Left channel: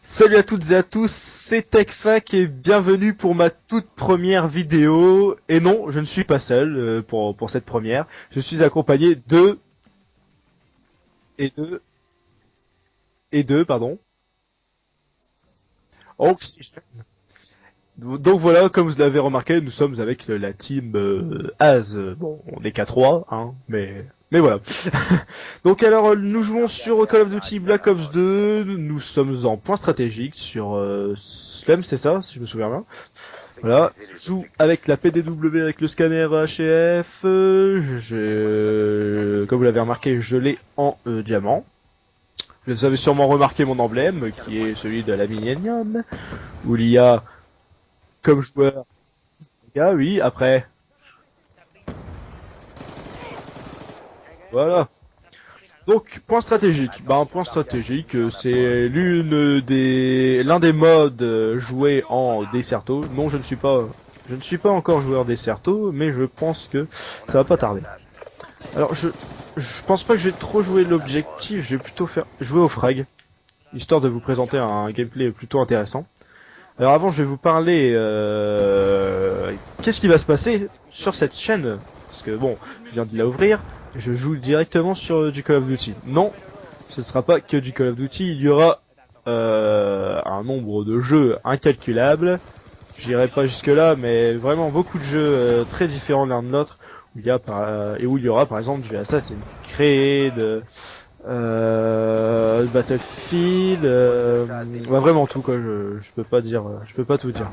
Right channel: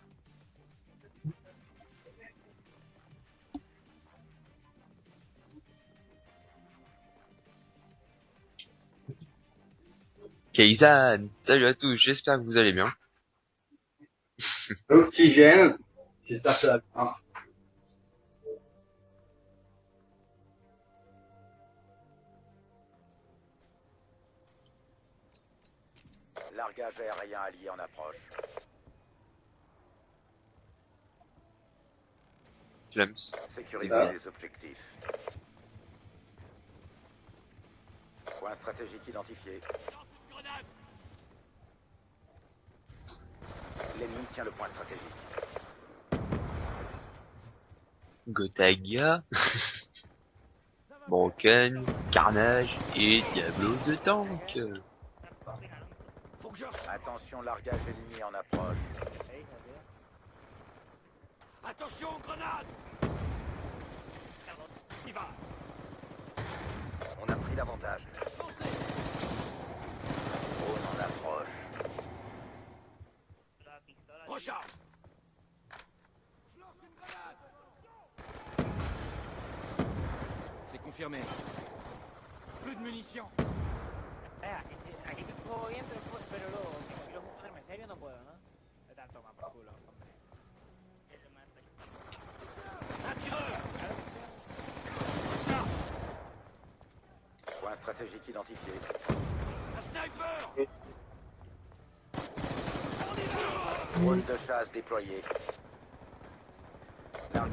Salut à toutes et à tous, c'est TechFac et bienvenue pour ma toute première vidéo. Et non, je ne suis pas seul pour cette première. Je suis accompagné de Kaisan, et salut à de tous, j'espère que vous allez bien. pardon. Oxygène, Oh, j'espère que ça va bien. donc voilà, comme vous l'avez remarqué, nous sommes avec la team Az. Bon, on n'est qu'à 3, hein, mais voilà. Donc alors, nous jouons sur Call of Duty Black Ops 2. Nous sommes en point stratégique sur Slum, c'est ça, si je me souviens bien. Flemme. Voilà, je joue avec la PDW avec le scanner HF. Comme vous l'avez remarqué, je l'ai en diamant. Vous avez sûrement remarqué mon emblème, qui est celui de la Millennium, où il y a comme joueur. Kotaga, Ah oui, après, Broken, Carnage et Diablo de Tank. voilà. Donc, point stratégique. Bah, un point stratégique, c'est l'un des modes joués en Desserto. Non, je ne suis pas encore joueur Desserto, mais je pense que ça va pas tarder. Alors, je pense pas que je vais trop jouer l'objectif, je vais plutôt jouer au frag, histoire de vous présenter un gameplay plutôt intéressant. Alors avant, je vais vous parler qu'est-ce qui va se passer sur cette chaîne, parce que bon, je viens de la ouvrir, je joue directement sur du Call of Duty. Non, ce ne sera pas que du Call of Duty, il y aura un nombre de jeux incalculable. J'irai pas jusque là, mais vraiment beaucoup de jeux très différents l'un de l'autre, où où il y aura par exemple du Assassin's Creed, Battlefield, bah, vraiment tout quoi. Je peux pas dire, je peux pas tout dire.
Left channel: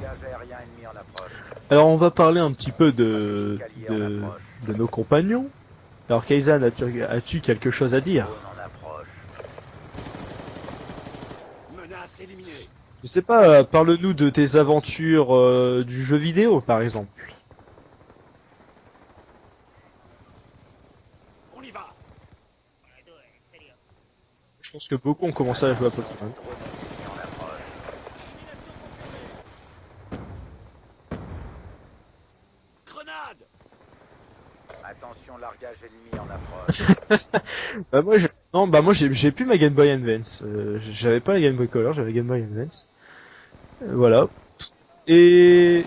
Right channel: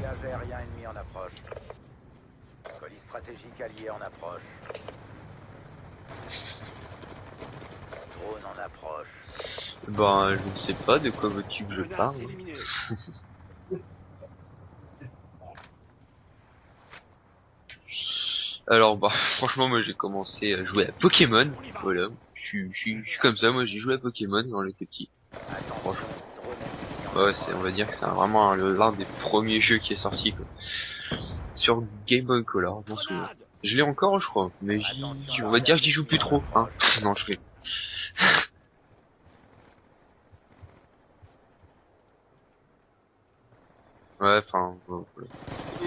Alors on va parler un petit peu de nos compagnons. Alors Kaisan, as-tu quelque chose à dire? Ben, je ne sais pas de quoi veux-tu que je parle. Je sais pas, parle-nous de tes aventures du jeu vidéo par exemple. Alors, bah, franchement, moi j'ai commencé à jouer à Pokémon. Voilà, je suis comme ça, moi j'ai joué à Pokémon quand Je j'étais pense que petit. beaucoup ont commencé à jouer à Pokémon. Ouais, on va dire que c'est vraiment l'un des premiers jeux qui est sorti, quoi. Sur Game Boy Color, je m'en souviens. Je l'ai encore, je crois, mais on va dire que j'y joue plus trop. Hein. Non, Bah moi, non, bah moi j'ai plus ma Game Boy Advance. J'avais pas la Game Boy Color, j'avais la Game Boy Advance. Voilà. ouais, enfin, bon. Et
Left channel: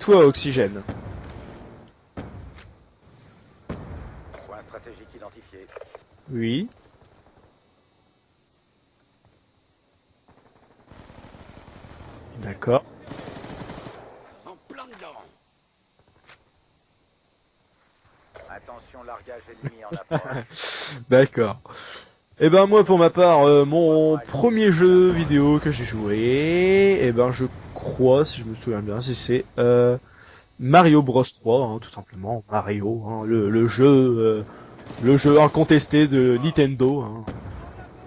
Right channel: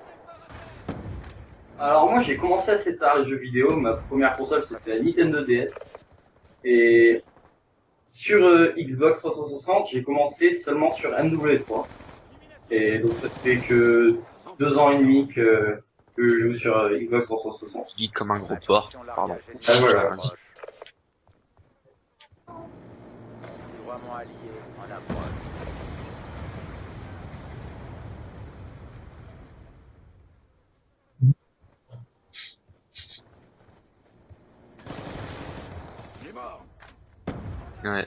toi, Oxygène? Alors moi j'ai commencé assez tard les jeux vidéo, ma première console c'était la Nintendo DS. Oui, Et sur Xbox 360 j'ai commencé seulement sur MW3. d'accord. Et donc ça fait que 2 ans et demi que je joue sur Xbox 360. Je dis comme un gros porc. Pardon. Ah voilà. D'accord. Et ben moi pour ma part, mon premier jeu vidéo que j'ai joué, et ben je crois, si je me souviens bien, c'est Mario Bros 3, hein, tout simplement. Mario, hein, le jeu incontesté de Nintendo. Hein. Ouais,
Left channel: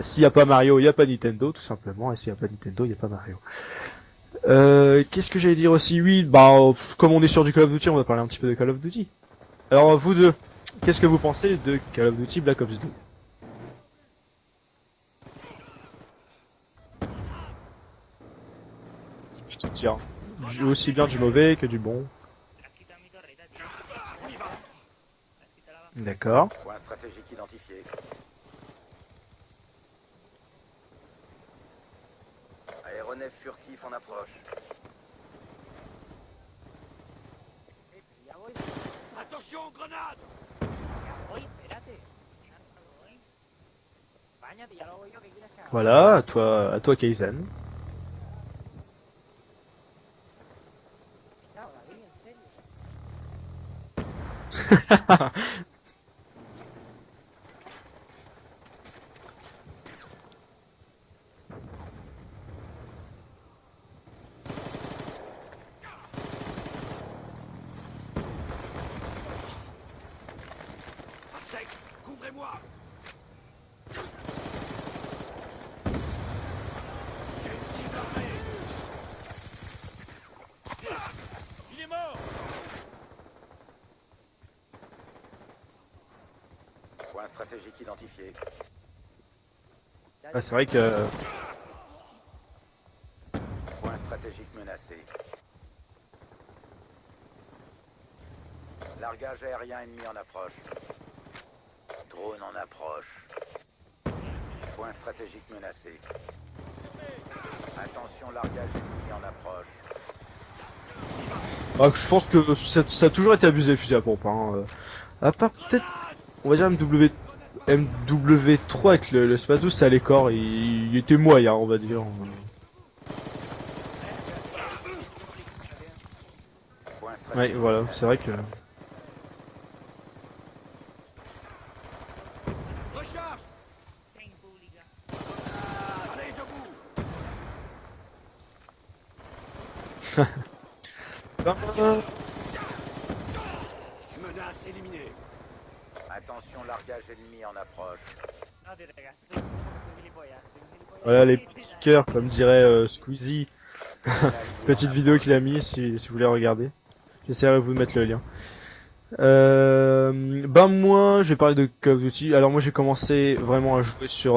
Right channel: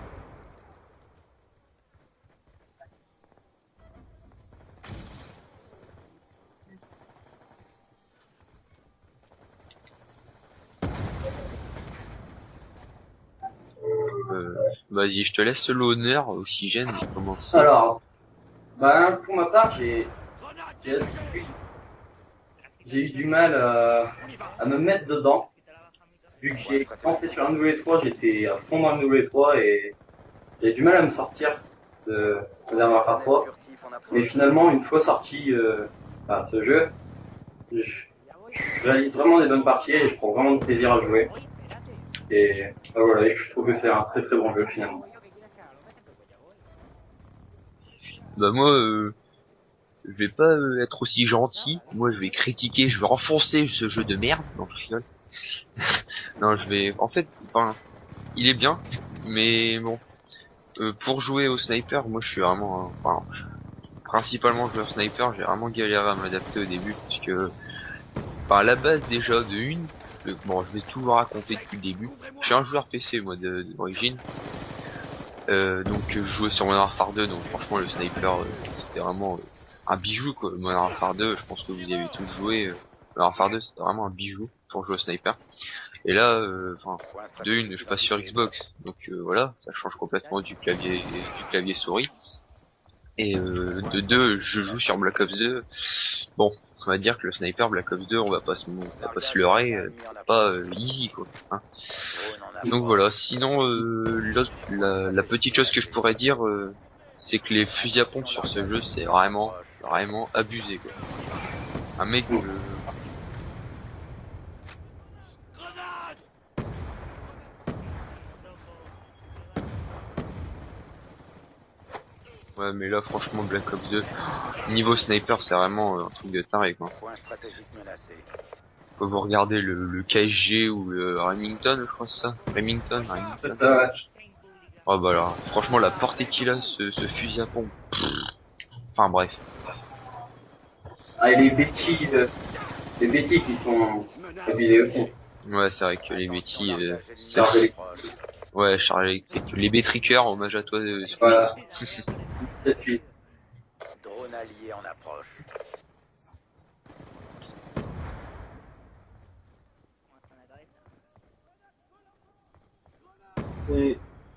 S'il n'y a pas Mario, il n'y a pas Nintendo, tout simplement. Et s'il n'y a pas Nintendo, il n'y a pas Mario. Qu'est-ce que j'allais dire aussi? Oui, bah, comme on est sur du Call of Duty, on va parler un petit peu de Call of Duty. Alors, vous deux, qu'est-ce que vous pensez de Call of Duty Black Ops 2? vas-y, je te laisse l'honneur, Oxygène, de commencer. Alors, bah, pour ma part Aussi bien du mauvais que du bon. j'ai eu du mal à me mettre dedans. D'accord. Vu que j'ai commencé sur MW3, j'étais à fond dans MW3 et j'ai du mal à me sortir de Modern Warfare 3. Et finalement, une fois sorti ce jeu, je réalise vraiment des bonnes parties et je prends vraiment de plaisir à jouer. Et voilà, et je trouve que c'est un très très bon jeu finalement. Voilà, à toi Kaizen. Bah moi, je vais pas être aussi gentil. Moi, je vais critiquer, je vais renfoncer ce jeu de merde. Non, je vais... En fait, enfin, il est bien, mais bon, pour jouer au sniper, moi je suis vraiment... principalement joueur sniper, j'ai vraiment galéré à m'adapter au début, parce que... Enfin, à la base déjà de une, bon, je vais tout vous raconter depuis le début. Je suis un joueur PC, moi, d'origine. Donc je jouais sur Modern Warfare 2, donc franchement le sniper c'était vraiment un bijou quoi. Modern Warfare 2, je pense que vous y avez tous joué. Modern Warfare 2 c'était vraiment un bijou pour jouer au sniper. Et là, enfin, de une, je passe sur Xbox, donc voilà, ça change complètement Ah, c'est vrai que du clavier souris. Et de deux, je joue sur Black Ops 2. Bon, on va dire que le sniper Black Ops 2, on va pas se leurrer, pas easy quoi. Hein. Donc voilà, sinon la petite chose que je pourrais dire, c'est que les fusils à pompe sur ce jeu, c'est vraiment abusé quoi. Ah, je pense que ça a toujours été abusé le fusil à pompe. Hein. À part peut-être, on va dire MW3 avec le Space 12, ça allait corps, il était moyen, on va dire. Ouais, mais là franchement Black Ops 2, niveau sniper, c'est vraiment un truc de taré quoi. Ouais, voilà, c'est vrai que... Quand vous regardez le KSG ou le Remington, je crois que c'est ça. Remington. C'est ça, ouais. Oh bah là, franchement la portée qu'il a ce fusil à pompe. Enfin bref. Ah, et les bêtises qui sont abusés aussi. Ouais, c'est vrai que les bêtis, Charge électrique. ouais, charge électrique. Les bétriqueurs, hommage à toi. Voilà, les stickers, comme dirait Squeezie. Petite vidéo qu'il a mis si vous voulez regarder. J'essaierai de vous mettre le lien. Ben moi, je vais parler de Call of Duty. Alors moi, j'ai commencé vraiment à jouer sur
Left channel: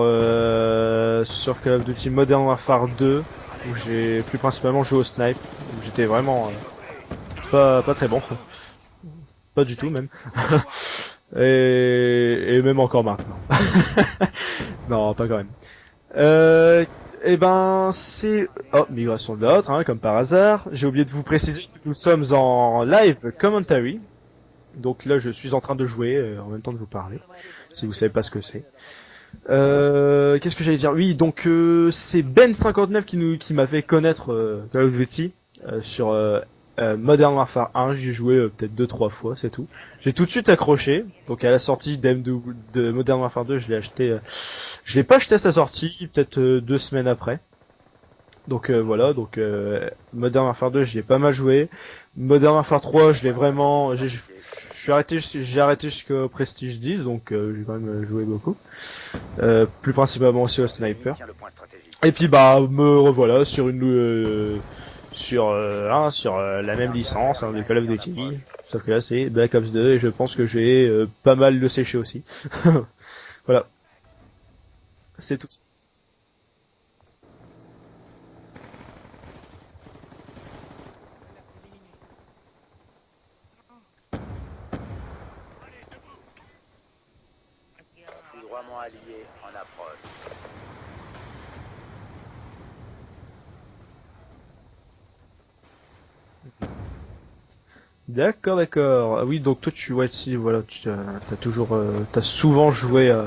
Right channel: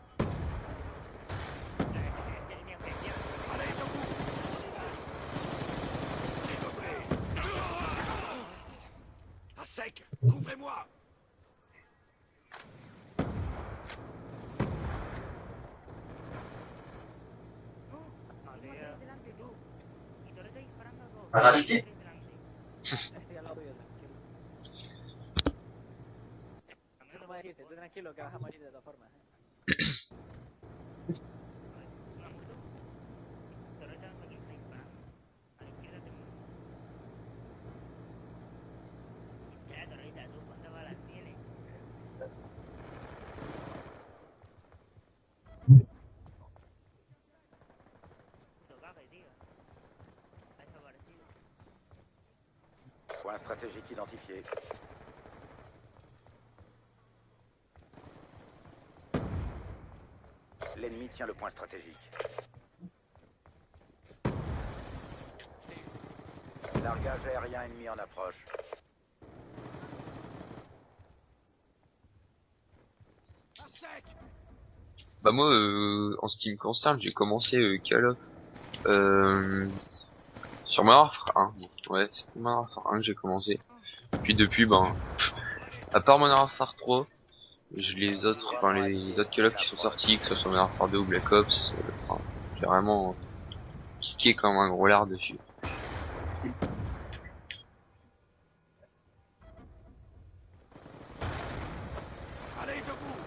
Call of Duty Modern Warfare 2, où j'ai plus principalement joué au snipe. Où j'étais vraiment pas très bon, pas du tout même. et même encore maintenant. Non, pas quand même. Et ben c'est migration de l'autre, hein, comme par hasard. J'ai oublié de vous préciser que nous sommes en live commentary. Donc là, je suis en train de jouer en même temps de vous parler, si vous savez pas ce que c'est. Qu'est-ce que j'allais dire? Oui, donc c'est Ben59 qui m'a fait connaître Call of Duty sur Modern Warfare 1. J'y ai joué peut-être 2-3 fois, c'est tout. J'ai tout de suite accroché. Donc à la sortie de Modern Warfare 2, je l'ai acheté. Je l'ai pas acheté à sa sortie, peut-être 2 semaines après. Donc voilà, donc Modern Warfare 2, j'y ai pas mal joué. Modern Warfare 3, je l'ai vraiment, j'ai arrêté jusqu'au Prestige 10, donc j'ai quand même joué beaucoup. Plus principalement aussi au sniper. Et puis bah me revoilà sur sur la même licence hein, de Call of Duty. Sauf que là c'est Black Ops 2 et je pense que j'ai pas mal le séché aussi. Voilà. Bah moi, en ce qui me concerne, j'ai commencé Call of sur Modern Warfare 1. Ouais, c'est Modern Warfare 1 que j'ai commencé. Puis depuis, ben, à part Modern Warfare 3, les autres Call of qui sont sortis, que ce soit Modern Warfare 2 ou Black Ops, enfin, j'ai vraiment kické comme un gros lard dessus. D'accord. Ah oui, donc toi voilà, t'as souvent joué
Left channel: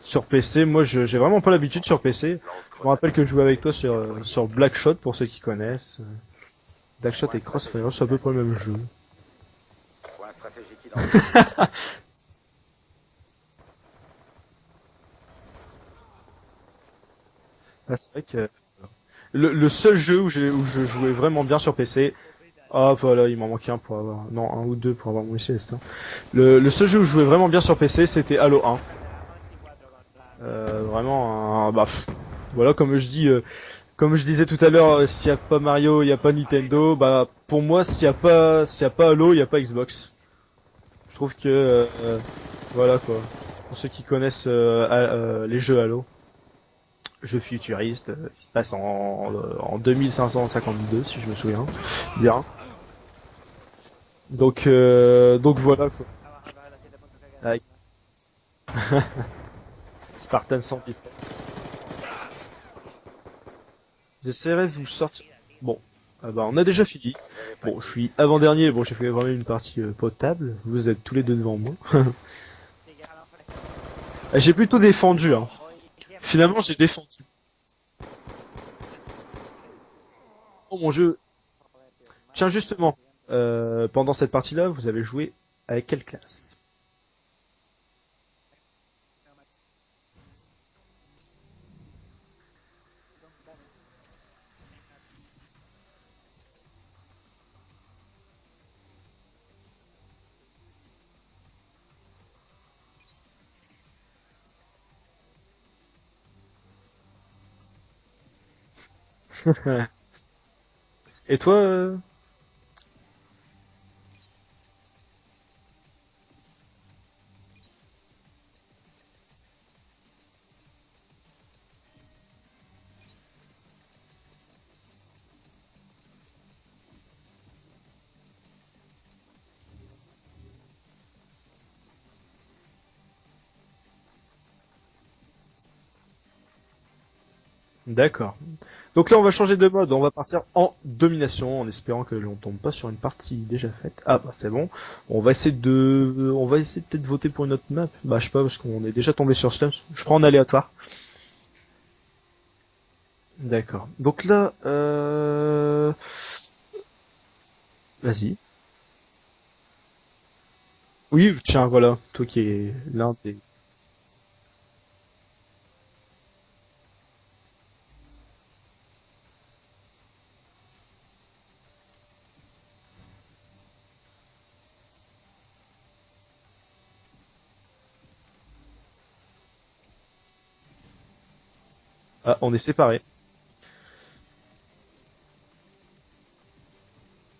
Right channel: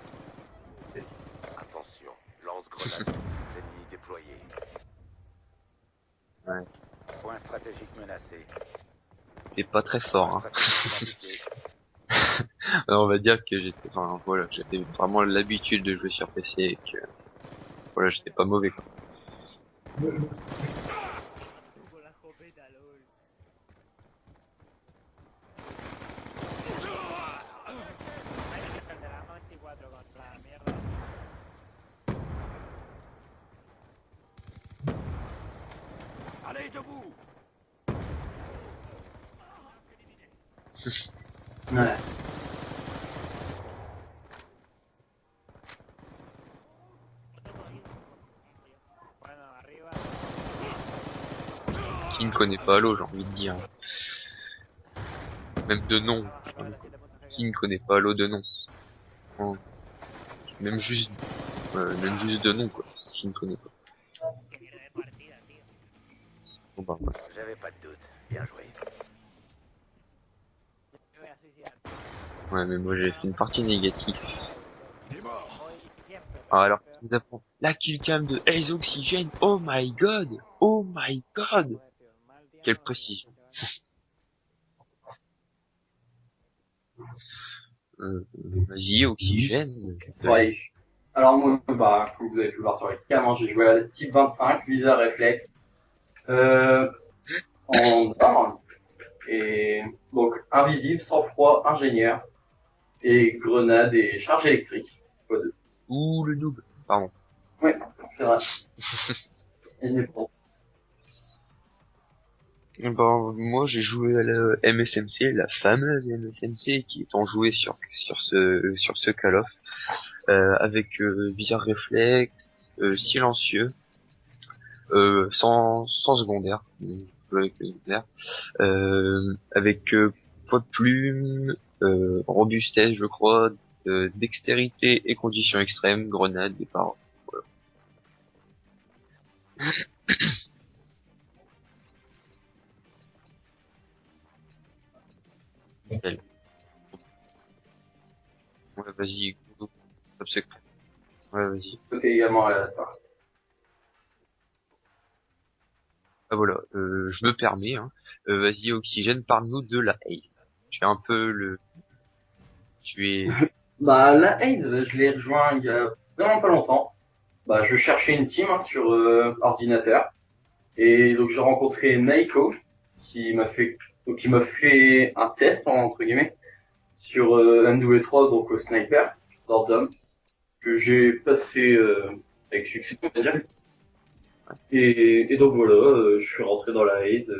sur PC. Moi, j'ai vraiment pas l'habitude sur PC. Je me rappelle que je jouais avec toi sur Blackshot pour ceux qui connaissent. Ouais. Blackshot et Crossfire, c'est à peu près le même jeu. C'est pas très fort. Hein. On va dire que j'avais vraiment l'habitude de jouer sur PC et que voilà, j'étais pas mauvais quoi. Le seul jeu où je jouais vraiment bien sur PC. Ah voilà, il m'en manquait un pour avoir... Non, un ou deux pour avoir mon PC, c'est ça. Le seul jeu où je jouais vraiment bien sur PC, c'était Halo 1. Vraiment, voilà, comme je disais tout à l'heure, s'il n'y a pas Mario, il n'y a pas Nintendo, bah pour moi, s'il n'y a pas Halo, il n'y a pas Xbox. Je trouve que, voilà quoi. Pour ceux qui connaissent les jeux Halo, jeux futuristes, qui se passent en 2552, si je me souviens. Je ne connais pas Halo, j'ai envie de dire. Donc voilà. Même de nom. Qui ne connaît pas Halo de nom. Spartan même juste de nom quoi. Je ne connais pas. J'essaierai de vous sortir. Bon, on a déjà fini. Bon, je suis avant-dernier, bon, j'ai fait vraiment une partie potable. Vous êtes tous les deux devant moi. Ouais, mais moi j'ai fait une partie négative. J'ai plutôt défendu, hein. Finalement, j'ai défendu. La killcam de Ace Oxygen, oh my god! Oh mon my jeu. god! Tiens, justement, pendant cette partie-là, vous avez joué avec quelle classe? Vas-y, Oxygène. Ouais. Alors moi, bah, comme vous avez pu voir sur les cams, j'ai joué à la type 25, viseur réflexe, en arme, et donc invisible, sang-froid, ingénieur, et grenade et charge électrique. Ouh, le noob. Pardon. Ouais, c'est vrai. Et toi moi j'ai joué à la MSMC, la fameuse MSMC qui est en jouée sur ce Call of, avec viseur réflexe, silencieux, sans secondaire. peu avec le nucléaire. Avec poids de plume, robustesse, je crois, dextérité et conditions extrêmes, grenade, départ. D'accord. Donc là, on va changer de mode. On va partir en domination, en espérant que l'on tombe pas sur une partie déjà faite. Ah bah c'est bon. On va essayer peut-être de voter pour une autre map. Bah je sais pas parce qu'on est déjà tombé sur Slums. Je prends en aléatoire. Ouais, vas-y. Tout est également aléatoire. D'accord. Donc là, Ah voilà, je me permets, hein. vas-y. Vas-y, Oxygène, parle-nous de la Ace. Tu es un peu Oui, tiens, voilà. Toi qui es tu là. es- Bah, la Haze, je l'ai rejoint il y a vraiment pas longtemps. Bah, je cherchais une team sur ordinateur. Et donc, j'ai rencontré Naiko, qui m'a fait un test, entre guillemets, sur MW3, donc au sniper, d'Ordom, que j'ai passé. Ah, on est avec séparés. succès, on va dire. Et donc voilà, je suis rentré dans la Haze.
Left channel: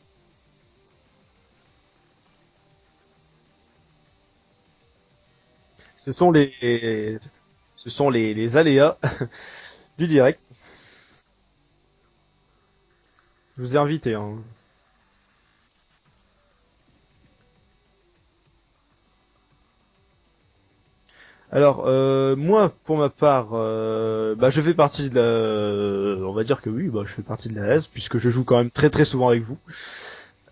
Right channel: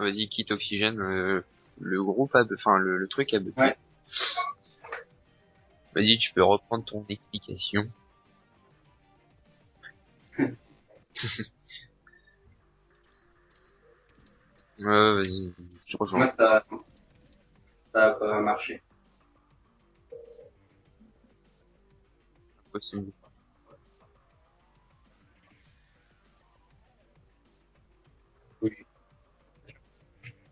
Vas-y, quitte Oxygène, le groupe enfin le truc a bugué. Ouais. Vas-y, Ce sont tu peux les- reprendre ton explication. Ce sont les aléas du direct. Je vous ai invité. Hein. Ouais, vas-y, je rejoins. Moi, ça a pas marché. Alors, moi, pour ma part, bah, je fais partie de la... On va dire que oui, bah, je fais partie de la S, puisque je joue quand même très très souvent avec vous.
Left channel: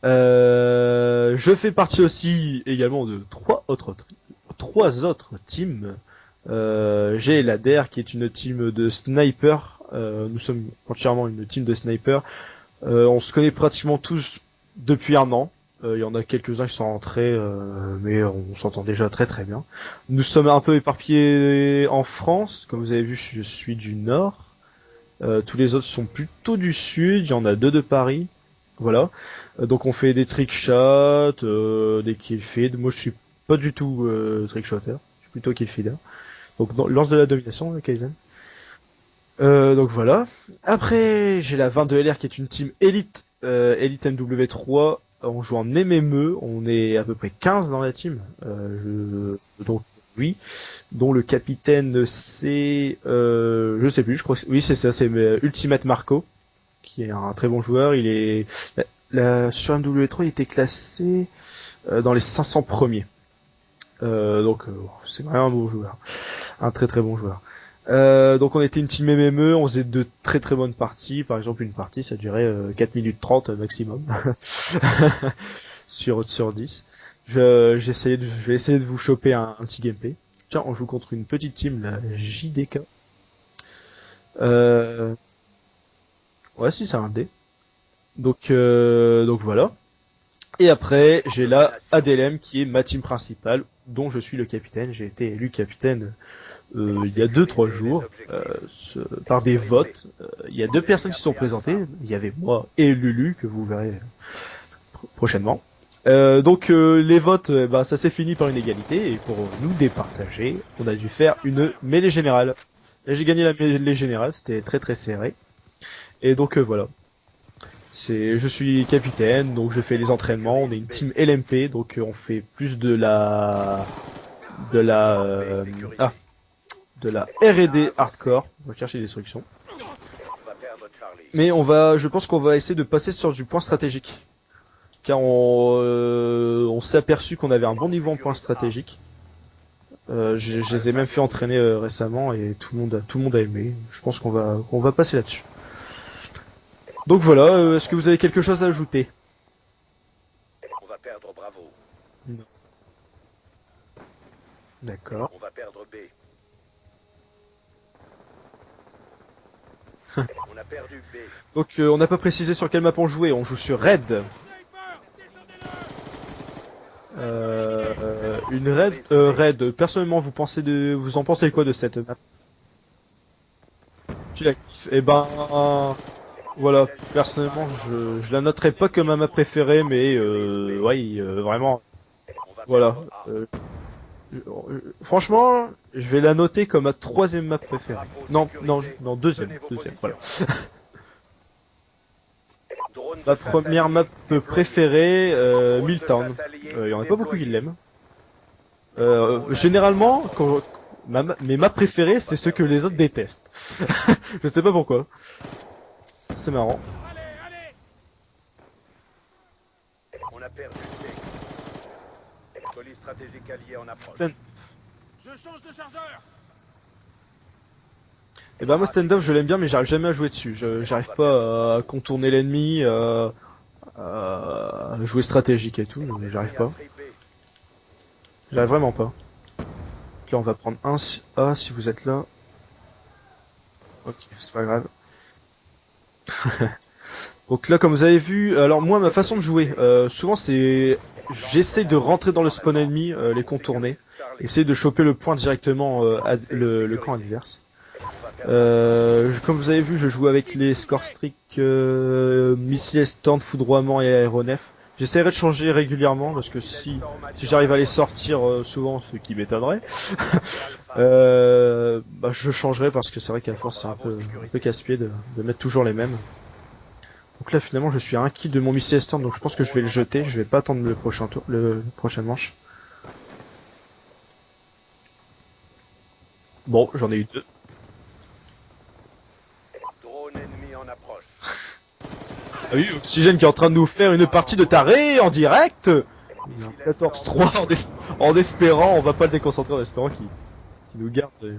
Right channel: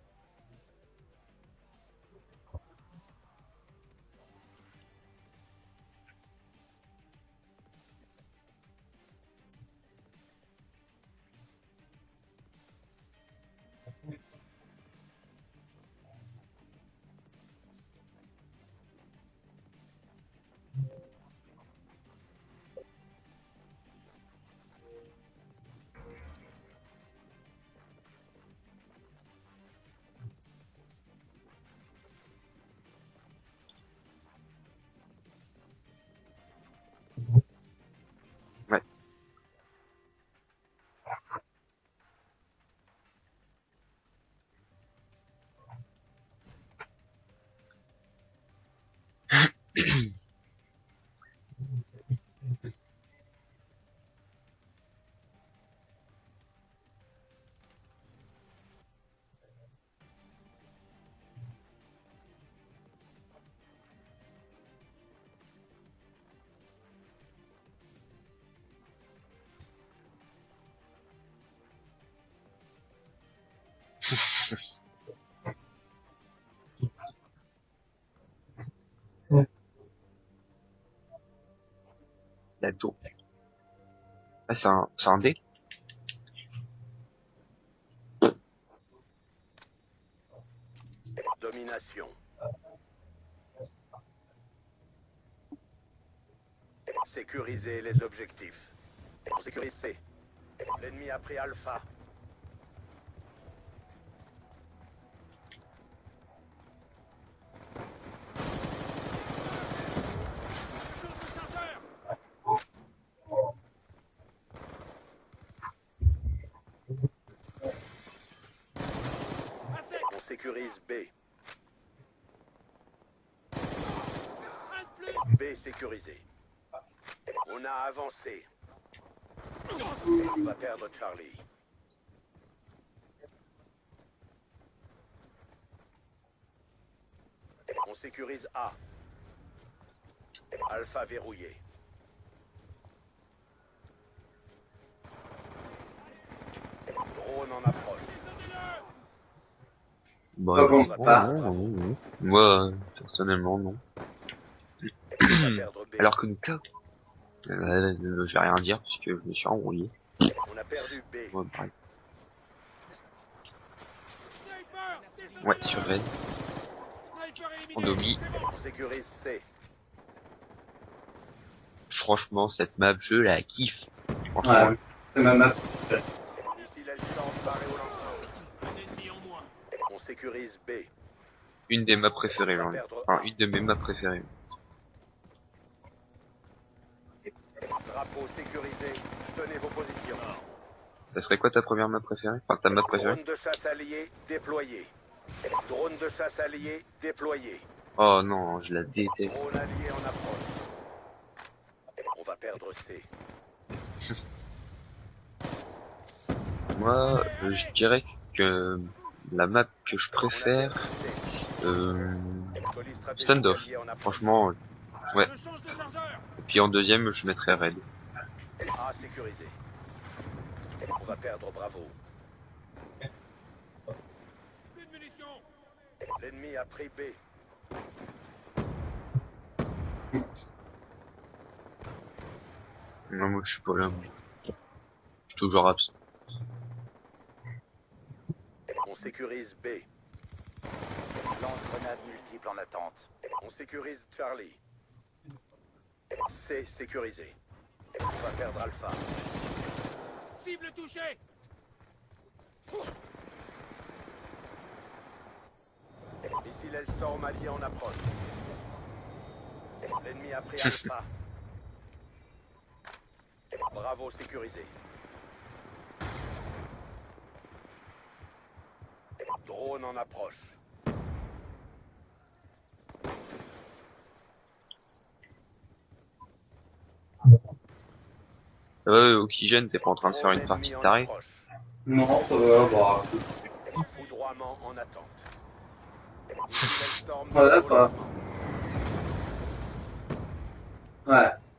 Je fais partie aussi également de trois autres teams. J'ai la DR qui est une team de sniper. Nous sommes entièrement une team de sniper. On se connaît pratiquement tous depuis un an. Il y en a quelques-uns qui sont rentrés, mais on s'entend déjà très très bien. Nous sommes un peu éparpillés en France. Comme vous avez vu, je suis du Nord. Tous les autres sont plutôt du Sud. Il y en a deux de Paris. Voilà. Donc on fait des trickshots, des killfeeds. Moi je suis pas du tout trickshotter. Je suis plutôt killfeeder. Donc lance de la domination, Kaizen. Ouais. Donc voilà. Après, j'ai la 22LR qui est une team élite, élite MW3. On joue en MME, on est à peu près 15 dans la team. Donc oui, dont le capitaine c'est, je sais plus, je crois que oui c'est ça, c'est Ultimate Marco, qui est un très bon joueur. Il est sur MW3, il était classé dans les 500 premiers. Donc c'est vraiment un bon joueur, un très très bon joueur. Donc on était une team MME, on faisait de très très bonnes parties. Par exemple, une partie ça durait 4 minutes 30 maximum sur 10. Je vais essayer de vous choper un petit gameplay. Tiens, on joue contre une petite team, la JDK. Plateau. C'est un dé. Ouais, si c'est un dé. Donc voilà. Et après, j'ai la ADLM qui est ma team principale, dont je suis le capitaine. J'ai été élu capitaine il y a 2-3 jours par des votes. Il y a deux personnes qui se sont présentées. Il y avait moi et Lulu que vous verrez prochainement. Donc les votes, bah, ça s'est fini par une égalité et pour nous départager, on a dû faire une mêlée générale. Et j'ai gagné la mêlée générale, c'était très très serré. Et donc voilà. Je suis capitaine, donc je fais les entraînements. On est une team LMP, donc on fait plus de la R&D hardcore. On va chercher des instructions. Mais je pense qu'on va essayer de passer sur du point stratégique. Car on s'est aperçu qu'on avait un bon niveau en point stratégique. Je les ai même fait entraîner récemment et tout le monde a aimé. Je pense qu'on va passer là-dessus. Donc voilà, est-ce que vous avez quelque chose à ajouter? Bah, bon, non. Moi, personnellement, non. D'accord. Alors que nous, je vais rien dire parce que je me suis embrouillé. Donc on n'a pas précisé sur quelle map on jouait. On joue sur Red. Ouais, sur Red. Une Red. Personnellement, vous en pensez quoi de cette? Franchement, cette map, je la kiffe. Tu la kiffes. Et ben, Ma map. voilà. Personnellement, je la noterai pas comme ma map préférée, mais ouais, vraiment. Une des maps préférées. Là. Voilà. Enfin, une de mes maps préférées. Franchement, je vais la noter comme ma troisième map préférée. Non, deuxième. Voilà. Ça serait quoi ta première map préférée? Enfin, ta map préférée? Ma première map préférée, Milltown. Il y en a pas beaucoup qui l'aiment. Oh non, je la déteste. Généralement, mes maps préférées, c'est ceux que les autres détestent. Je sais pas pourquoi. C'est marrant. Moi, je dirais la map que je préfère, Standoff. Franchement, ouais. Et puis en deuxième, je mettrais Raid. Et bah moi Standoff je l'aime bien mais j'arrive jamais à jouer dessus. J'arrive pas à contourner l'ennemi, à jouer stratégique et tout, j'arrive pas. J'arrive vraiment pas. Donc là on va prendre un A si vous êtes là. Non, moi je suis pas là. Ok, c'est pas grave. Toujours absent. Donc là comme vous avez vu, alors moi ma façon de jouer, souvent c'est... J'essaie de rentrer dans le spawn ennemi, les contourner. Essayer de choper le point directement le camp adverse. Comme vous avez vu, je joue avec les score streak, missiles, stand, foudroiement et aéronef. J'essaierai de changer régulièrement parce que si j'arrive à les sortir souvent, ce qui m'étonnerait, bah, je changerai parce que c'est vrai qu'à la force c'est un peu casse-pied de mettre toujours les mêmes. Donc là finalement je suis à 1 kill de mon missile stand donc je pense que je vais le jeter, je vais pas attendre le prochain tour, le prochain manche. Bon, j'en ai eu 2. Ça va, Oxygène, t'es pas en train de faire une partie de taré? Non, Oui, Oxygène qui est en train de nous faire une partie de taré en direct. 14-3 en espérant, on va pas le déconcentrer en espérant qu'il nous garde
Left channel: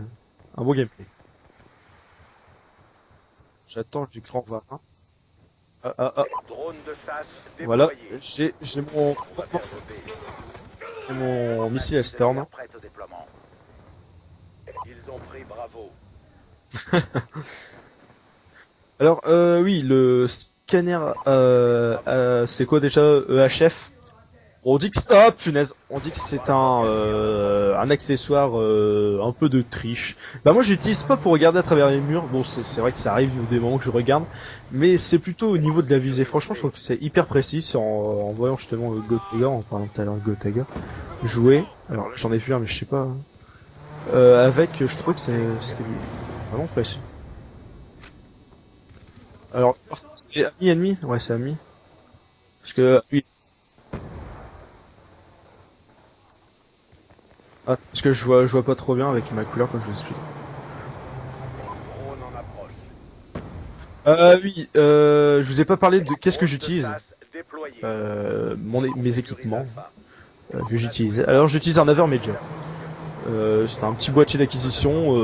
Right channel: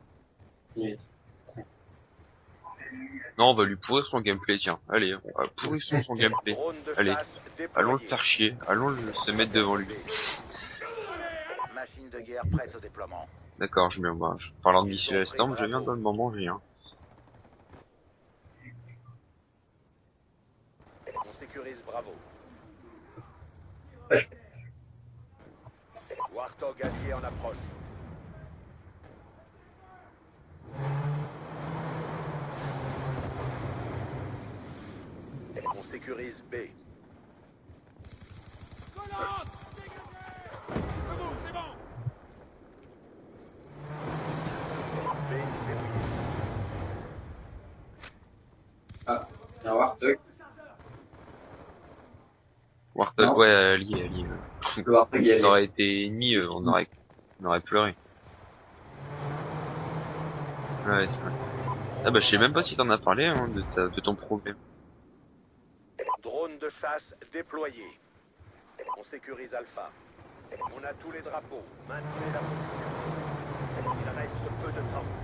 un bon gameplay. Non, on va lui J'attends pourrir son qu'il gameplay, prend tiens. Allez, on va pourrir son Ah, gameplay. Allez, Voilà. allons le faire chier, allons se mettre devant lui. C'est mon missile à Storm. D'accord, je mets en marge. Parlant de missile à Storm, je viens dans le moment, j'ai un. Alors, oui, le scanner, c'est quoi déjà EHF? On dit que stop, punaise. On dit que c'est un accessoire un peu de triche. Bah moi j'utilise pas pour regarder à travers les murs. Bon c'est vrai que ça arrive des moments que je regarde, mais c'est plutôt au niveau de la visée. Franchement je trouve que c'est hyper précis en voyant justement le Gotaga, en parlant tout à l'heure de Gotaga jouer. Alors j'en ai vu un mais je sais pas. Avec je trouve que c'était vraiment précis. Alors c'est ami ennemi, ouais c'est ami. Parce que Ouais, allié. On aurait été ennemis, on aurait pleuré. parce que je vois pas trop bien avec ma couleur comme je vous explique. Ouais, c'est ça. Ah bah je sais même pas si t'en as parlé hein, de ton oui, je vous ai pas parlé de qu'est-ce que j'utilise. Mes équipements que j'utilise. Alors j'utilise un Avermajor. C'est un petit boîtier d'acquisition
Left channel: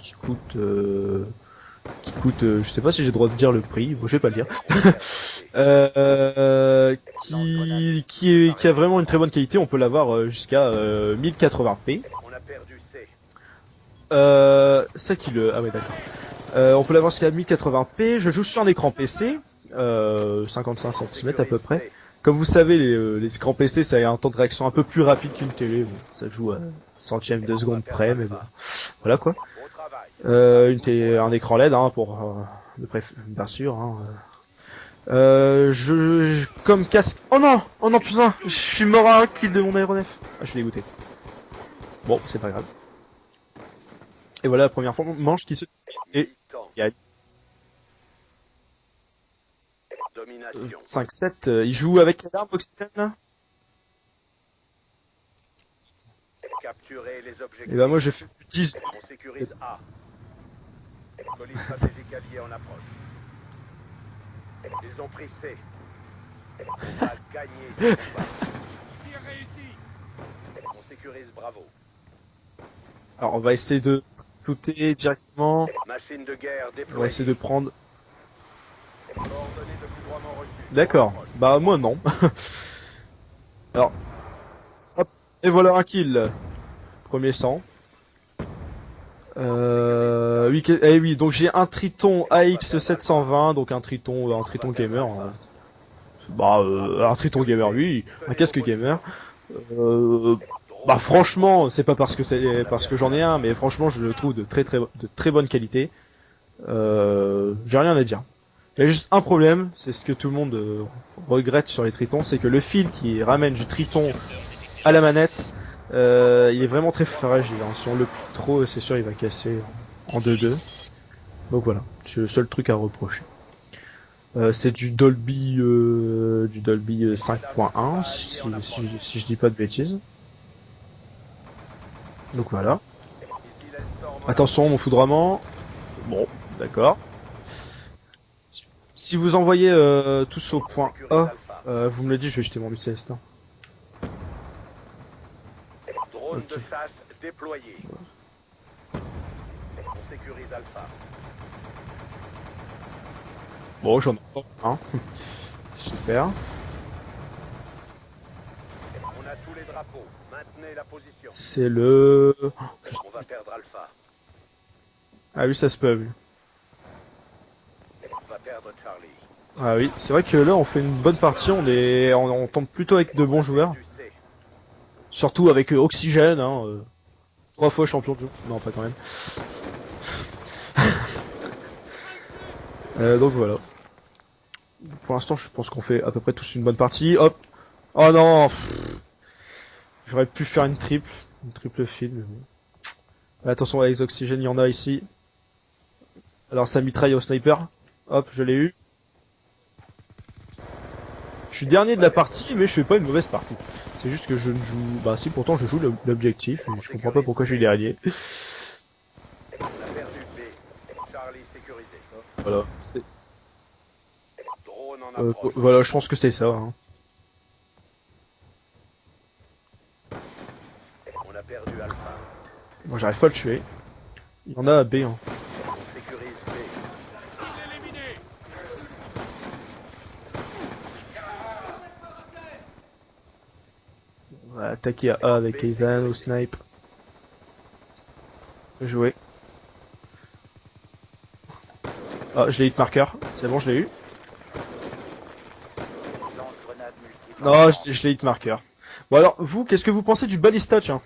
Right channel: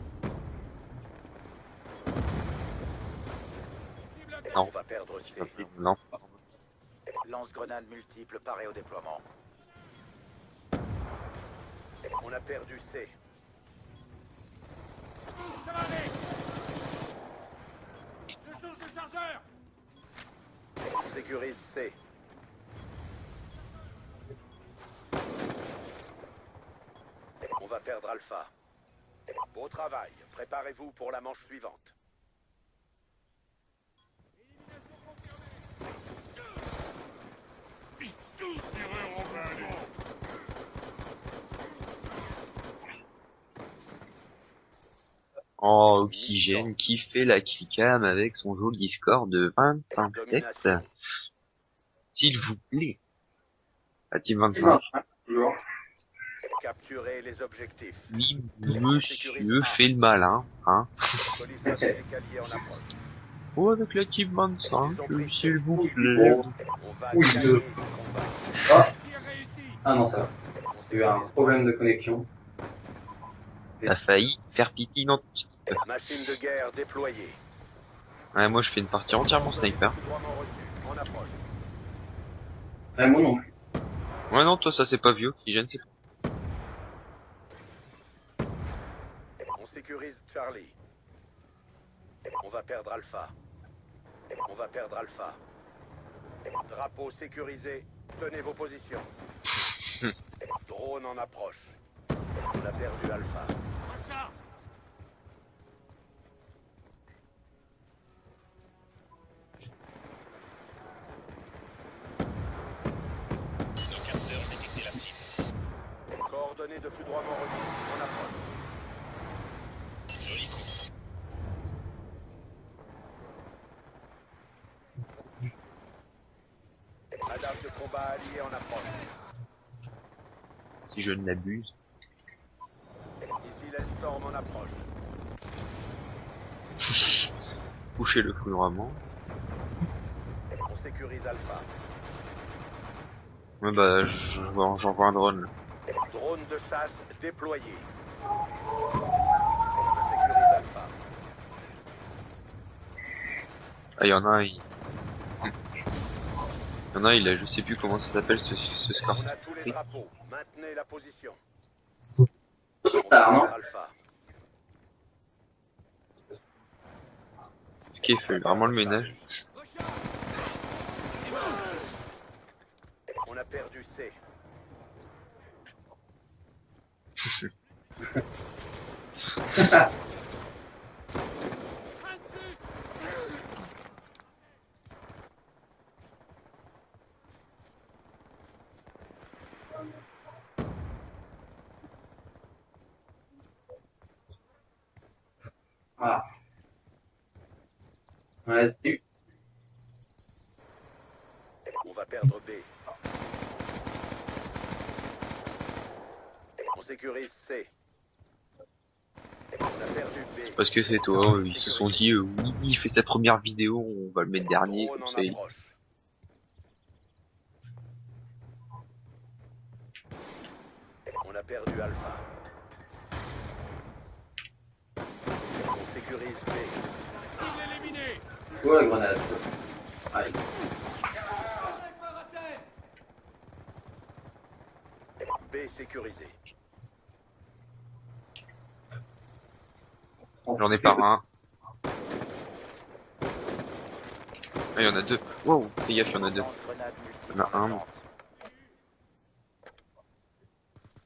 qui coûte je sais pas si j'ai le droit de dire le prix, bon, je vais pas le dire. Qui a vraiment une très bonne qualité, on peut l'avoir jusqu'à 1080p. Ça qui le... Ah ouais d'accord. On peut l'avoir jusqu'à 1080p, je joue sur un écran PC, 55 cm à peu près. Comme vous savez, les écrans PC, ça a un temps de réaction un peu plus rapide qu'une télé, bon, ça joue à centième de seconde près, mais bon, voilà quoi. Un écran LED, hein, bien sûr. Hein. Comme casque... Oh non putain, je suis mort à un kill de mon aéronef. Ah, je suis dégoûté. Bon, c'est pas grave. Et voilà la première manche qui se... Oh, Oxygène qui fait la killcam avec son joli score de 25-7. 5-7, il joue avec qui Oxygène là? À team 25. Et bah moi je fais 10. Monsieur fait le malin, hein. Oh, avec la team 25, s'il vous plaît. Ah non, ça va. Il y a eu un problème de connexion. Alors on va essayer de shooter directement. On va essayer de prendre... Ouais, moi je fais une partie entièrement sniper. D'accord, bah moi non. Ouais, moi non plus. Alors... Ouais non, toi ça c'est pas vieux. Et voilà un kill. Premier sang. Oui, donc j'ai un Triton AX720, donc un Triton gamer. Un Triton gamer, oui, un casque gamer. Bah franchement, c'est pas parce que j'en ai un, mais franchement je le trouve de très bonne qualité. J'ai rien à dire. Il y a juste un problème, c'est ce que tout le monde regrette sur les Tritons, c'est que le fil qui ramène du Triton à la manette, il est vraiment très fragile. Hein. Si on le pousse trop, c'est sûr il va casser en 2-2. Donc voilà, c'est le seul truc à reprocher. C'est du Dolby 5.1 si je dis pas de bêtises. Si je ne l'abuse. Donc voilà. Attention mon foudroiement. Bon, d'accord. coucher le plus vraiment. Si vous envoyez tous au point Sécurise A, Alpha. vous me le dites, je vais jeter mon UCS là. Ouais, bah, j'envoie un drone là. Drone Ok. de chasse déployé. Je sécurise Alpha. Bon, Ah, il y en a un, Super. il a, je sais plus comment ça s'appelle ce scar. On a tous les drapeaux. Maintenez la position. C'est le... On va Ah, perdre Alpha. Ah oui, ça se peut, oui. Qui fait vraiment le ménage. Ah oui, c'est vrai que là on fait une bonne partie, on tombe plutôt avec de bons joueurs. Surtout avec Oxygène, hein, 3 fois champion de jeu. Non, pas quand même. Donc voilà. Pour l'instant, je pense qu'on fait à peu près tous une bonne partie. Hop. Oh non. J'aurais pu faire une triple fill. Mais bon. Attention avec les oxygènes, il y en a ici. Voilà. Alors ça mitraille au sniper. Hop, je l'ai eu. Ouais, c'est- Je suis dernier de la partie, mais je fais pas une mauvaise partie. C'est juste que je ne joue... Bah si, pourtant je joue l'objectif, mais je comprends pas pourquoi je suis dernier. On a perdu B. Parce que c'est toi, ils se sont dit, oui, Voilà. il fait sa première vidéo, on va le mettre dernier. Drone comme en ça, approche. Voilà, je pense que c'est ça. Hein. On a perdu Alpha. Bon, j'arrive pas à le tuer. Il y en a à B. Hein. On sécurise B. Ouais, la grenade. Allez. On va attaquer à A avec les vannes au snipe. Jouer. J'en ai pas un. Ah, je l'ai hit marker. C'est bon, je l'ai eu. Ah, il y en a deux. Wow, fais gaffe, il y en a deux. Lance-grenade multiple. Non. Ah, je l'ai hit marker. Bon alors, vous, qu'est-ce que vous pensez du ballista, tiens?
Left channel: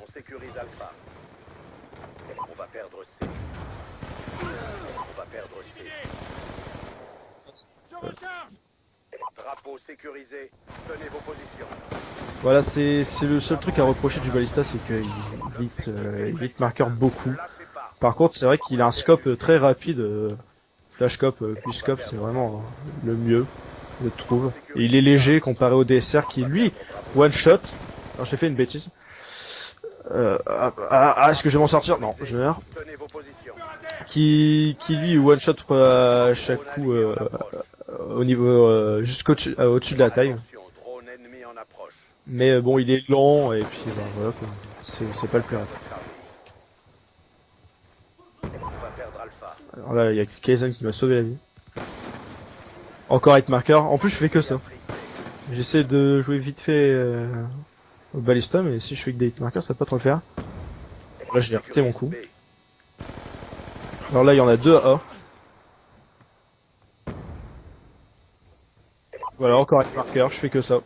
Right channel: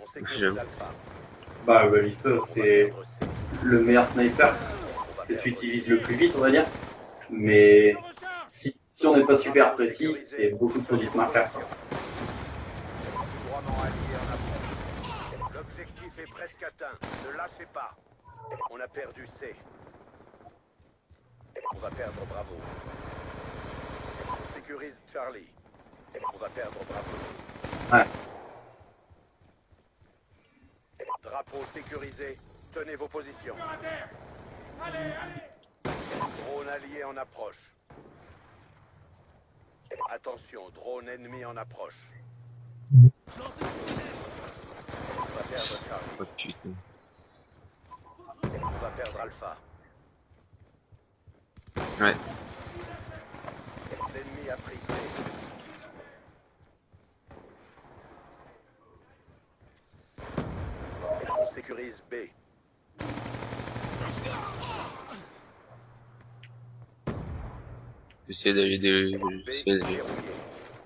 On sécurise J'avoue. Alpha. Bah, le balista, On va c'est perdre C. le meilleur sniper. On va C'est celui perdre qui vise C. le plus vite, on va dire. Mais si on n'est pas super précis, c'est beaucoup de Tenez petits vos marqueurs. positions. Voilà, c'est le seul truc à reprocher du ballista, c'est qu'il hit marker beaucoup. Ne lâchez pas. Par contre, c'est vrai qu'il a un scope très rapide. Flash scope, quick scope, c'est vraiment le mieux, je trouve. Et il est léger comparé au DSR qui, lui, one shot. Ouais. Alors j'ai fait une bêtise. Est-ce que je vais m'en sortir? Non, je meurs. Tenez vos positions. Qui lui one shot à chaque Drone coup allié en approche. au niveau jusqu'au-dessus au-dessus de la taille. Attention, drone ennemi en approche. Mais bon, il est lent et puis ben, voilà, quoi. C'est pas le cas. Perdre Charlie. Oh, putain. On va perdre Alpha. Alors là, il y a Kaizen qui m'a sauvé la vie. Ouais. Encore hit marker. En plus, je fais que ça. On a pris C. J'essaie de jouer vite fait au ballista, mais si je fais que des hit markers, ça va pas trop le faire. Là, j'ai raté mon coup. B. Alors là, il y en a deux à A. J'essaie d'aller des... Voilà, encore hit marker, je fais que ça.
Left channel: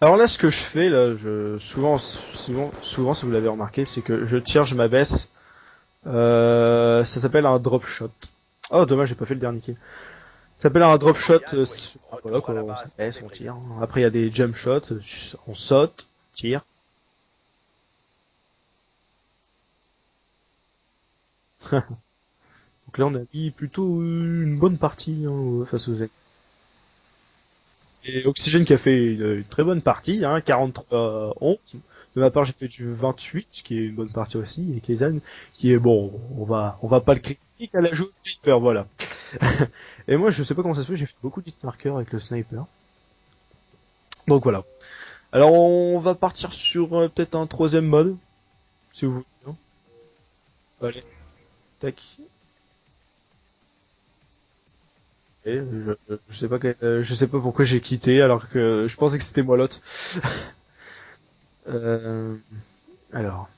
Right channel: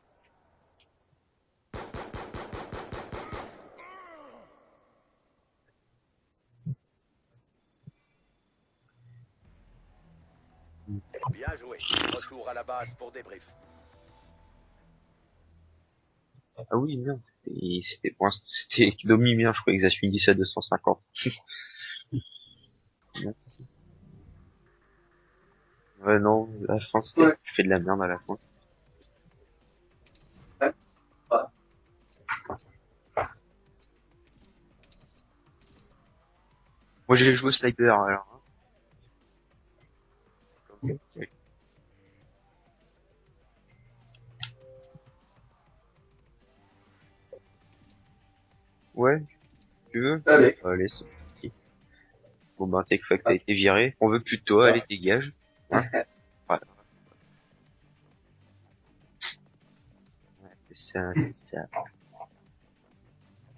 Alors là, ce que je fais, là, souvent, si vous l'avez remarqué, c'est que je tire, je m'abaisse. Ça s'appelle un drop shot. Oh, dommage, j'ai pas fait le dernier kill. Ça s'appelle un drop shot. Voilà, quoi, on s'abaisse, on tire. Après, il y a des jump shots, on saute, tire. Ah oui, merde. Et c'était Domi bien, je crois que Xash dit ça à 250. Donc là, on a mis plutôt une bonne partie hein, face aux ennemis. Ouais, non, la France, Ouais. je fais de la merde à la Et fin. Oxygène qui a fait une très bonne partie, hein, 43-11. De ma part, j'ai fait du 28, ce qui est une bonne partie aussi. Et Kaizen, qui est bon, on va pas Moi, j'ai joué au sniper, Elle a joué alors. sniper, voilà. Et moi, je sais pas comment ça se fait, j'ai fait beaucoup de hit markers avec le sniper. Donc voilà. Alors, on va partir sur peut-être un troisième mode. Si Ouais. vous voulez, hein. Tu veux? Allez. Allez. Allez. Tac. Bon bah, Techfact a été viré. On veut plus de toi, allez, dégage. Et je sais pas, je sais pas pourquoi j'ai quitté alors que je pensais que c'était moi l'autre. C'est ça, c'est ça. Alors.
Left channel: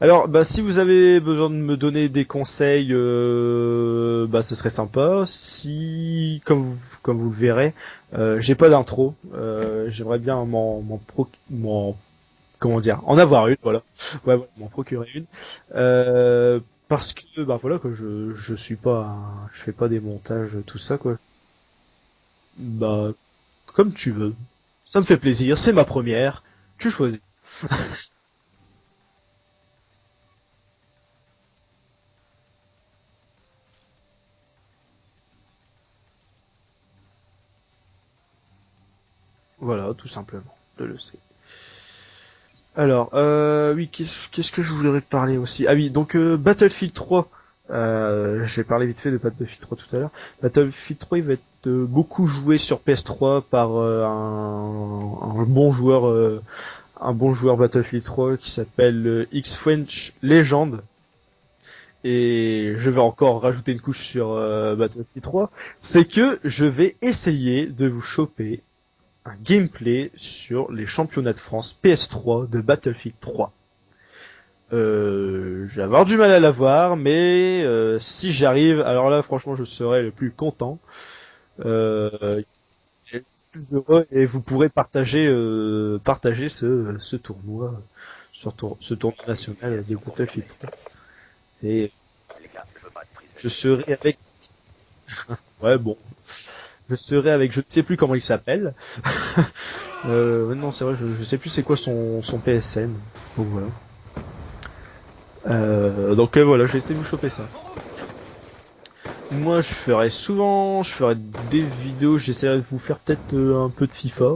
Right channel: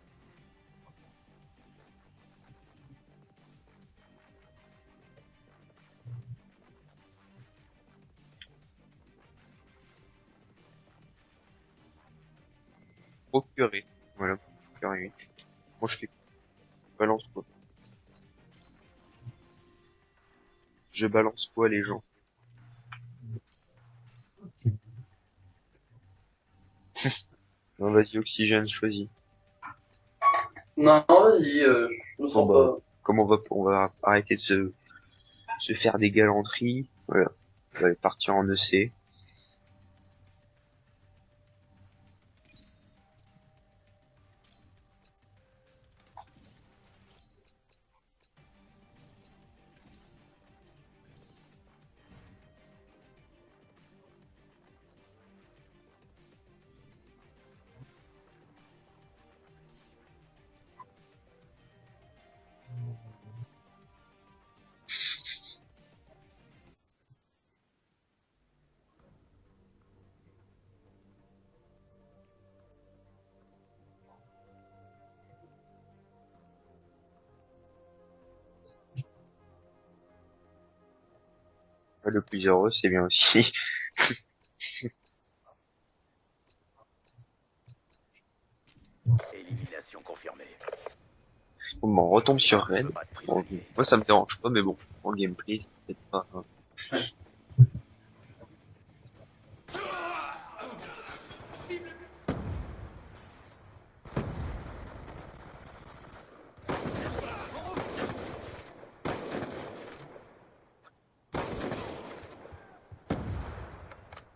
Alors, bah, si vous avez besoin de me donner des conseils, bah, ce serait sympa. Si, comme vous le verrez, j'ai pas d'intro. J'aimerais bien comment dire, en avoir une, voilà. Ouais. Ouais, voilà, m'en procurer une. Parce Balance. que, bah, voilà, que je suis pas, je fais pas des montages, tout ça, Je quoi. balance quoi, les gens? Bah, comme tu veux. Ça me fait plaisir, c'est ma première. Tu choisis. Non, vas-y, Oxygène, choisis. Non, vas-y, je me sens Bon, bah. pas. Comme on va arrêter de se faire des galanteries. Voilà. je vais partir en EC. Voilà, tout simplement, de le sait. Alors, oui, qu'est-ce que je voudrais parler aussi? Ah oui, donc Battlefield 3. J'ai parlé vite fait de Battlefield 3 tout à l'heure. Battlefield 3, il va être beaucoup joué sur PS3 par un bon joueur Battlefield 3 qui s'appelle X-French Legend. Et je vais encore rajouter une couche sur Battlefield 3, c'est que je vais essayer de vous choper un gameplay sur les championnats de France PS3 de Battlefield 3. Je vais avoir du mal à l'avoir, mais si j'arrive, alors là franchement je serai le plus content. Le plus heureux, c'est bien aussi. Le plus heureux, et vous pourrez partager ce tournoi, ce tournoi national des Battlefield 3. Et On retombe sur Red. Bon, je serai moi, ça me avec- dérange pas, mais bon, en gameplay. Ouais, bon. Enfin, Je serai avec, je ne sais plus comment il s'appelle. Non, c'est vrai, je sais plus c'est quoi son PSN. Donc voilà. Donc voilà, je vais essayer de vous choper ça. Moi, je ferai des vidéos, j'essaierai de vous faire peut-être un peu de FIFA,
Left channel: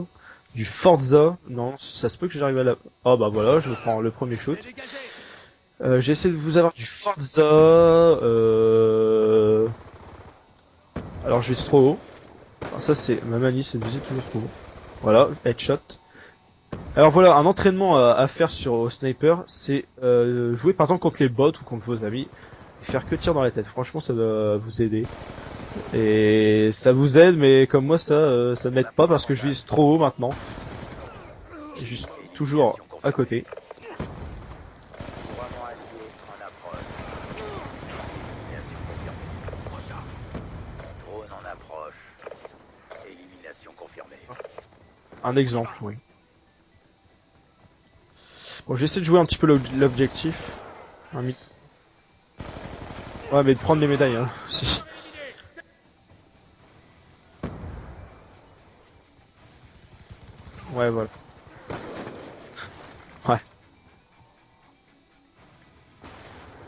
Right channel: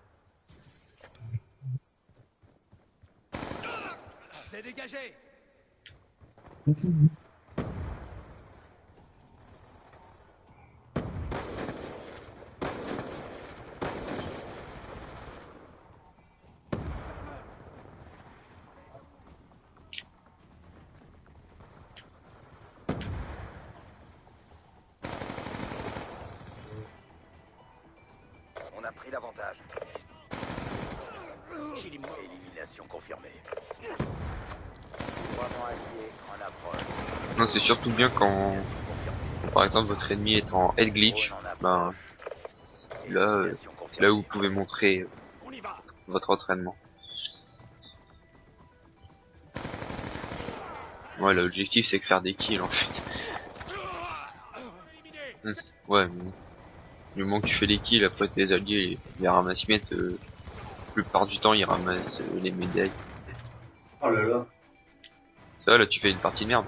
du Forza. Non, ça se peut que j'arrive à la... Ah bah voilà, je prends le premier shoot. J'essaie de vous avoir du Forza. Alors je vais trop haut. Alors, ça c'est ma manie, c'est de viser toujours trop haut. Voilà, headshot. Alors voilà, un entraînement à faire au sniper, c'est jouer par exemple contre les bots ou contre vos amis, et faire que tir dans la tête. Franchement, ça va vous aider. Et ça vous aide, mais comme moi, ça m'aide pas parce que je vise trop haut maintenant. Et je suis toujours à côté. Vraiment allié en approche. non, c'est surtout bien quand, Mission confirmée. par exemple, votre ennemi est en head glitch. Drone en Ben, approche. là, Élimination c'est là où confirmée. vous pouvez montrer Un exemple, oui. votre entraînement. Bon, j'essaie de jouer un petit peu l'objectif. Ouais, l'objectif c'est de faire des kills en fait. Ouais, mais de prendre les médailles, hein. Si. Ouais, mais du moment que tu fais les kills, après tes alliés, les ramasse-miettes, Ouais, la voilà. plupart du temps ils ramassent les médailles. Oh là là. Ça va, là tu fais une partie de merde.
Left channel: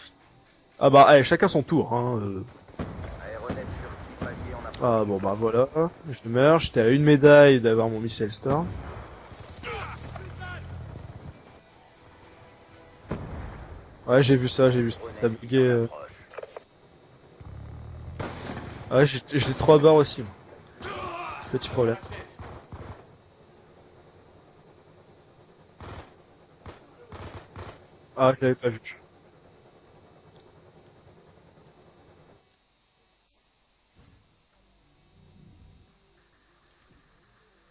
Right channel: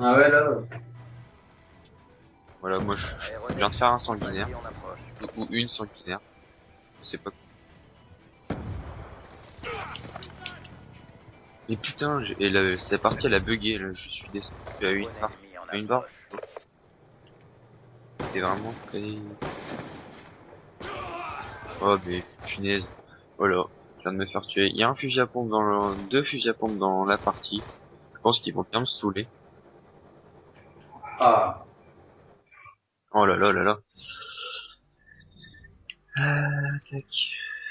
Ah ouais, là. Ah bah, allez, chacun son tour, hein. Voilà, moi je Aéronef viens de faire un sanguinaire. allié en approche. Ah bon, bah voilà. Une sanguinaire. Je meurs, j'étais à une médaille d'avoir mon missile star. Et putain, cette partie elle a bugué là. Ouais, j'ai vu ça, j'ai Bah vu oui. ça. Ça a bugué, Une barre. C'est vraiment. Ouais, j'ai 3 barres aussi. Moi. Petit Oh, problème. mais punaise. Voilà, je viens de me faire tuer. Il y a un fusil à pompe deux fusils à pompe dans la partie. Je Ah, pense qu'ils j'avais vont pas bien vu. me saouler. Ah. Oh là là là là. Tac.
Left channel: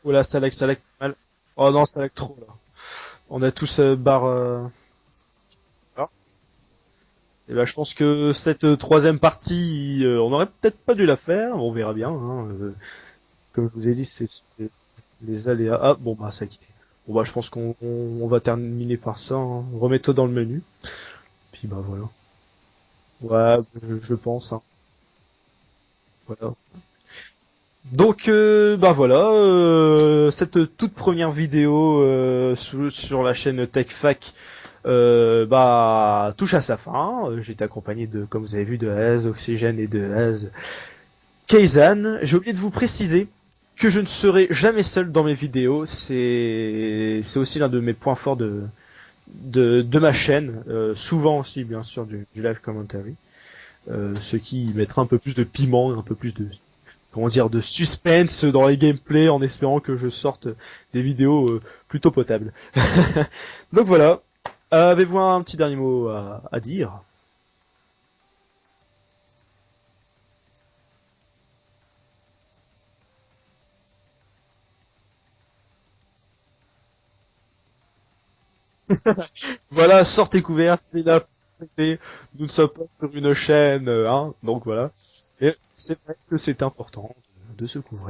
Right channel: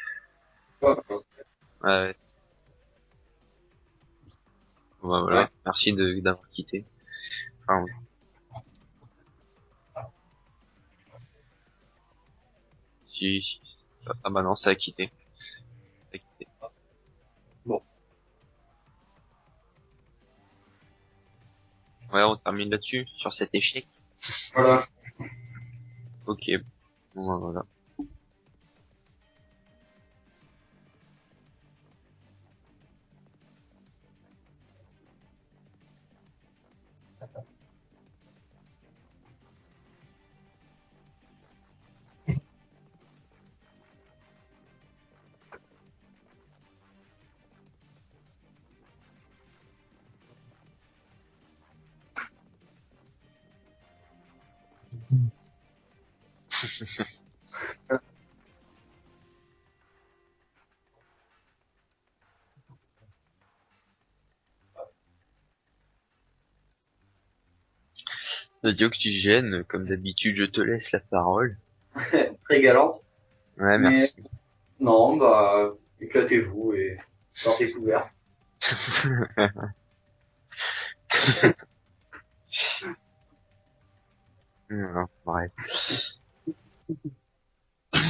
Oula, ça lag pas mal. Oh non, ça Ouais. lag trop là. On a tous barre. Bah, voilà, Ouais. merci d'avoir quitté. Et bah, je Ah, pense que cette troisième partie, on aurait peut-être pas dû la faire. On verra bien. Hein. Si Comme je vous ai dit, ça c'est m'a balancé à quitter. les aléas. Ah bon, bah ça a quitté. Bon bah, je pense qu'on va terminer par ça. Hein. Remets-toi dans le menu. Puis bah voilà. Ouais, on termine là-dessus, sur Ouais, cet échec. je pense. Hein. Voilà. Ok. Bon, bah, voilà. Donc bah voilà, cette toute première vidéo sur la chaîne TechFac bah touche à sa fin. J'ai été accompagné de, comme vous avez vu, de Az Oxygène et de Az Kaizen. J'ai oublié de vous préciser que je ne serai jamais seul dans mes vidéos. C'est aussi l'un de mes points forts de ma chaîne. Souvent aussi bien sûr du live commentary. Ce qui mettra un peu plus de piment, un peu plus de comment dire de suspense dans les gameplays en espérant que je sorte des vidéos plutôt potables. Donc voilà. Avez-vous un petit dernier mot à dire? Radio Oxygène, comme d'habitude, je te laisse la parole. Très galante. Ouais, Mais- merci. Non, bah, éclatez-vous et sortez couverts. Voilà, sortez couverts, c'est là pour écouter. Nous ne sommes pas sur une chaîne, hein, donc voilà. Ouais. Et c'est vrai que c'est important de se couvrir.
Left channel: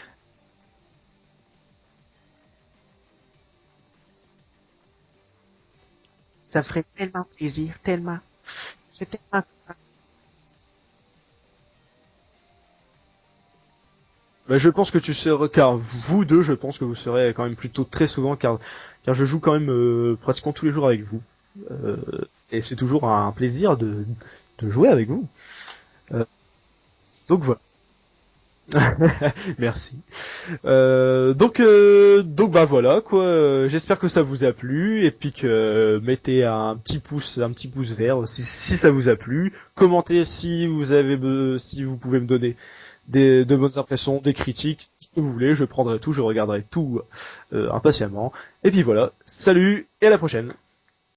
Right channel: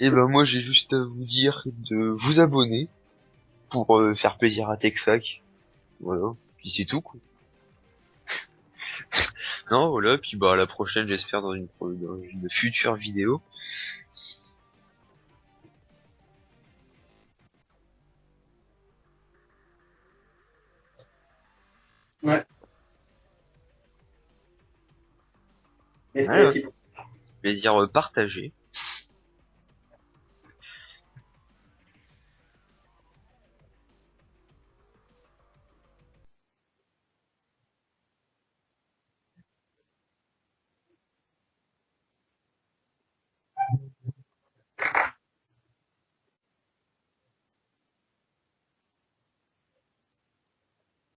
Et ben moi j'ai juste à vous dire de vous abonner pour faire plaisir à TechFac. Voilà. Ça C'est ferait tout. tellement plaisir, tellement. Je suis tellement- Non, voilà, puis bah à la prochaine j'espère dans une future vidéo. Bah, je pense que tu seras, car vous deux, je pense que vous serez quand même plutôt très souvent, car je joue quand même pratiquement tous les jours avec vous. Ouais. Et c'est toujours un plaisir de jouer avec vous. Et c'est Ouais. aussi Donc voilà. C'est-à-dire partager. Merci. Donc bah voilà quoi. J'espère que ça vous a plu et puis que mettez un petit pouce vert si ça vous a plu. Commentez si si vous pouvez me donner de bonnes impressions, des critiques, ce que vous voulez. Je prendrai tout, je regarderai tout impatiemment. Et puis voilà. Salut et à la prochaine.